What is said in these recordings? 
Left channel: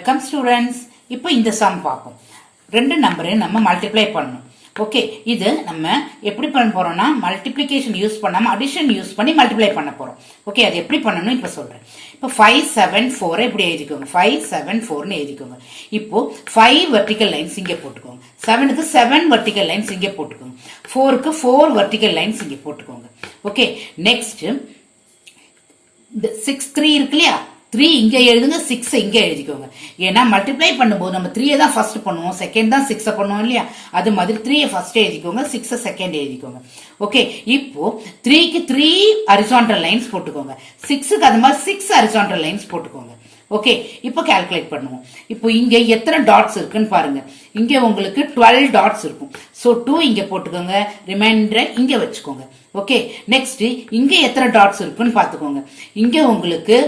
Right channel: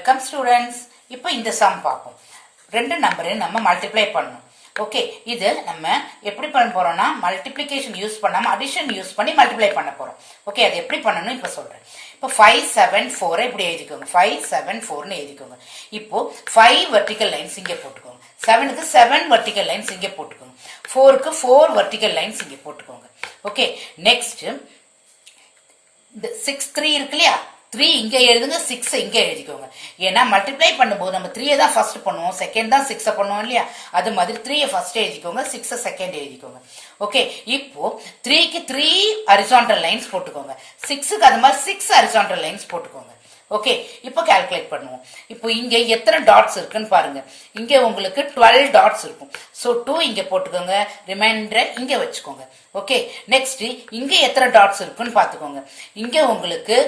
Welcome students. இப்போ இந்த some பார்ப்போம். ரெண்டு நம்பரையும் நம்ம மல்டிப்ளை பண்ணணும். ஓகே, இது நம்ம எப்படி பண்ண போறோம்னா மல்டிப்ளிகேஷன் யூஸ் பண்ணாம அடிஷன் யூஸ் பண்ணி மல்டிப்ளை பண்ண போறோம். ஓகே, அது எப்படி பண்ணணும் இப்ப சொல்றேன். இப்போ 5 7 4 இப்படி எழுதிக்கோங்க. 5 7 4 எழுதிக்கோங்க. இப்போ 5 வெர்டிகல் லைன்ஸ் இங்க போட்டுக்கோங்க. 7க்கு 7 வெர்டிகல் லைன்ஸ் இங்க போட்டுக்கோங்க. 4க்கு 4 வெர்டிகல் லைன்ஸ் இங்க போட்டுக்கோங்க. ஓகே, நெக்ஸ்ட் இந்த 6 3 இருக்கு இல்லையா, 3 இங்க எழுதுங்க, 6 இங்க எழுதிக்கோங்க. ஏன்னா மல்டிப்ளை பண்ணும்போது நம்ம 3 தான் ஃபர்ஸ்ட் பண்ணுவோம், செகண்ட் தான் 6 பண்ணுவோம் இல்லையா, அது மாதிரி 3 ஃபர்ஸ்ட் எழுதிக்கோங்க, 6 செகண்ட் எழுதிக்கோங்க. ஓகே, இப்போ 3க்கு 3 ஹரிசாண்டல் லைன்ஸ் போட்டுக்கோங்க, 6க்கு அது மாதிரி 6 ஹரிசாண்டல் லைன்ஸ் போட்டுக்கோங்க. ஓகே, இப்போ கால்குலேட் பண்ணுவோம். இப்போ இங்க எத்தனை டாட்ஸ் இருக்குன்னு பாருங்க. இங்க உங்களுக்கு 12 டாட்ஸ் இருக்கும். சோ 2 இங்க போட்டுக்கோங்க, ரிமைண்டர் இங்க வச்சுக்கோங்க. ஓகே, நெக்ஸ்ட் இங்க எத்தனை டாட்ஸ் இருக்குன்னு பாத்துக்கோங்க. இங்க உங்களுக்கு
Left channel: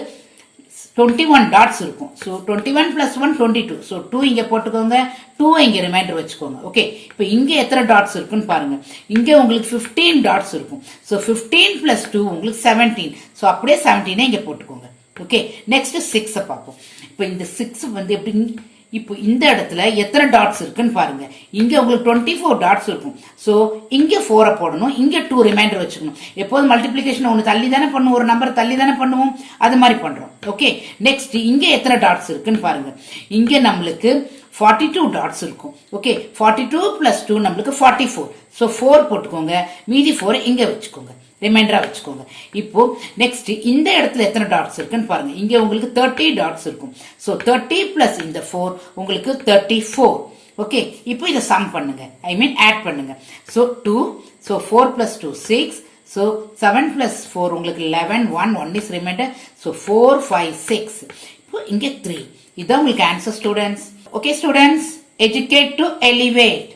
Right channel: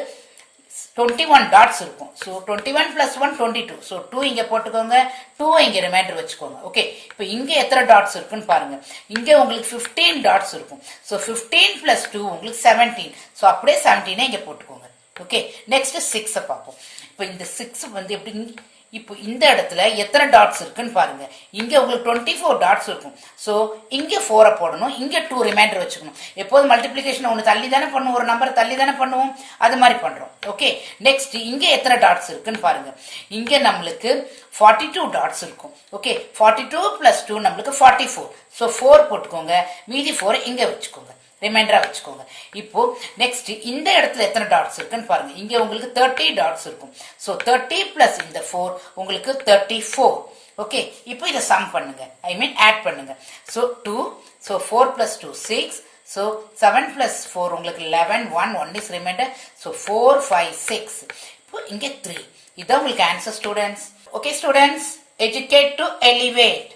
21 டாட்ஸ் இருக்கும். So 21 plus 1 22. சோ 2 இங்க போட்டுக்கோங்க, 2 இங்க ரிமைண்டர் வச்சுக்கோங்க. ஓகே, இப்போ இங்க எத்தனை டாட்ஸ் இருக்குன்னு பாருங்க. இங்க உங்களுக்கு 15 டாட்ஸ் இருக்கும். சோ 15 plus 2 உங்களுக்கு 17. சோ அப்படியே 17 இங்க போட்டுக்கோங்க. ஓகே, நெக்ஸ்ட் 6 பார்ப்போம். இப்போ இந்த 6 வந்து எப்படி, இப்போ இந்த இடத்துல எத்தனை டாட்ஸ் இருக்குன்னு பாருங்க. இங்க உங்களுக்கு 24 டாட்ஸ் இருக்கும். சோ இங்க 4 போடணும், இங்க 2 ரிமைண்டர் வச்சுக்கணும். எப்போது மல்டிப்ளிகேஷன் ஒன்னு தள்ளி தானே பண்ணுவோம், ஒரு நம்பர் தள்ளி தானே பண்ணுவோம், அது மாதிரி பண்றோம். ஓகே, நெக்ஸ்ட் இங்க எத்தனை டாட்ஸ் இருக்குன்னு பாருங்க. இங்க நம்மளுக்கு 42 டாட்ஸ் இருக்கும். ஓகே, 42 plus 2 நம்மளுக்கு 44. சோ 4 போட்டுக்கோங்க, மீதி 4 இங்க வச்சுக்கோங்க, ரிமைண்டரா வச்சுக்கோங்க. இப்போ நெக்ஸ்ட் இந்த இடத்துல எத்தனை டாட்ஸ் இருக்குன்னு பாருங்க. இங்க உங்களுக்கு 30 டாட்ஸ் இருக்கும். சோ 30 பிளஸ் இந்த 4 உங்களுக்கு 34. ஓகே, இப்போ இத சம் பண்ணுங்க, ஐ மீன் ஆட் பண்ணுங்க. So 2, so 4 plus 2 6, so 7 plus 4 உங்களுக்கு 11, 1 is remainder. சோ 4 5 6. இப்போ இங்க 3. இதான் உங்களுக்கு answer students. Okay students, educate to elevate.